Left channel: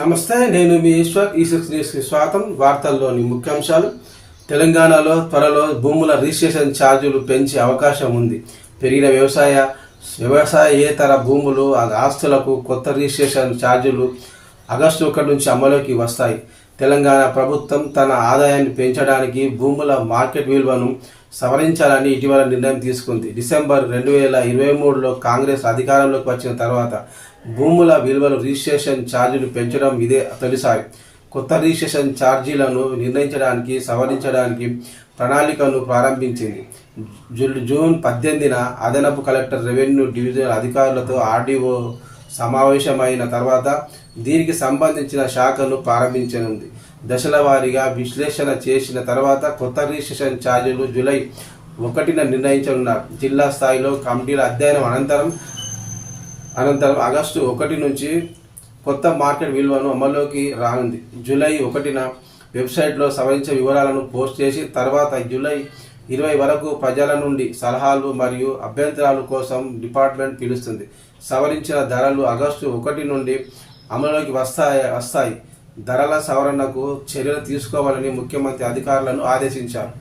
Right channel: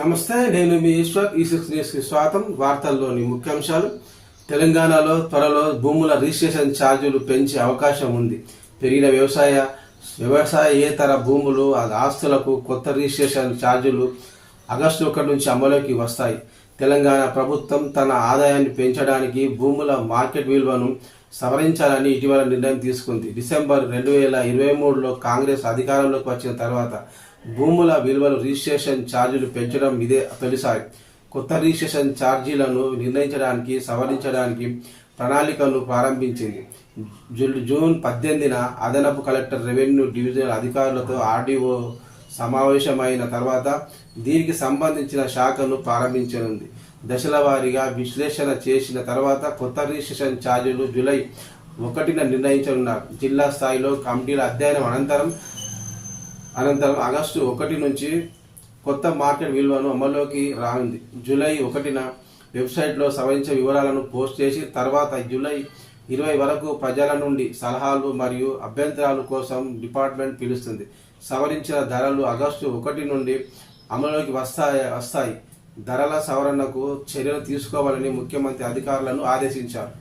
నమస్తే, నేను మీ ఈశ్వర్. ఈ6 న్యూస్కి స్వాగతం. వార్తల్లోని ముఖ్యాంశాలు. తెలంగాణలో త్వరలో భూముల రిజిస్ట్రేషన్ ఛార్జీలు పెంచే అవకాశం ఉంది. పెరిగిన వ్యవసాయేతర భూములు ఆస్తులకు కొత్త రిజిస్ట్రేషన్ ఛార్జీలు ఆగస్టు 1 నుంచి అమలులోకి వస్తాయి. తెలంగాణ ప్రభుత్వం తన ఆదాయాన్ని పెంచడానికి భూముల మార్కెట్ విలువను సవరించాలని ఇటీవల నిర్ణయం తీసుకుంది. డిసెంబర్ 2023లో కాంగ్రెస్ అధికారంలోకి వచ్చిన తర్వాత భూముల విలువలు రిజిస్ట్రేషన్ ఛార్జీలు పెంచడం ఇదే తొలిసారి. కొత్త రిజిస్ట్రేషన్ ఛార్జీలను నిర్ణయించడానికి సవరించడానికి ప్రణాళికను ప్రారంభించింది. జూన్ 18న అదనపు కలెక్టర్, రెవెన్యూ డివిజనల్ అధికారులతో ఆర్డీఓ సమావేశమైన తర్వాత దీనికి సంబంధించిన శాఖను ప్రారంభించనుంది. దశల వారీగా విశ్లేషణ చేసిన తర్వాత కొత్త రిజిస్ట్రేషన్ ఛార్జీలు జూలై 1న నిర్ణయించనున్నారు. జిల్లా స్థాయిలో కమిటీల అధ్యయనం అనంతరం ఆగస్టు 1 నుంచి కొత్త మార్కెట్ విలువను అమల్లోకి రానుంది. జూలై 1న వెబ్సైట్లో సవరించే వివరాలను పోస్ట్ చేసి తర్వాత జూలై 20 వరకు ప్రజల నుండి సలహాలు మరియు అభ్యంతరాల కోసం డిపార్ట్మెంట్ పిలుస్తుంది. సవరించిన ధరలు ఆగస్టు 1 నుండి అమలులోకి వస్తాయి. ధరల సవరణకు చర్యలు తీసుకోవాలని ముఖ్యమంత్రి అధికారులను ఆదేశించారు.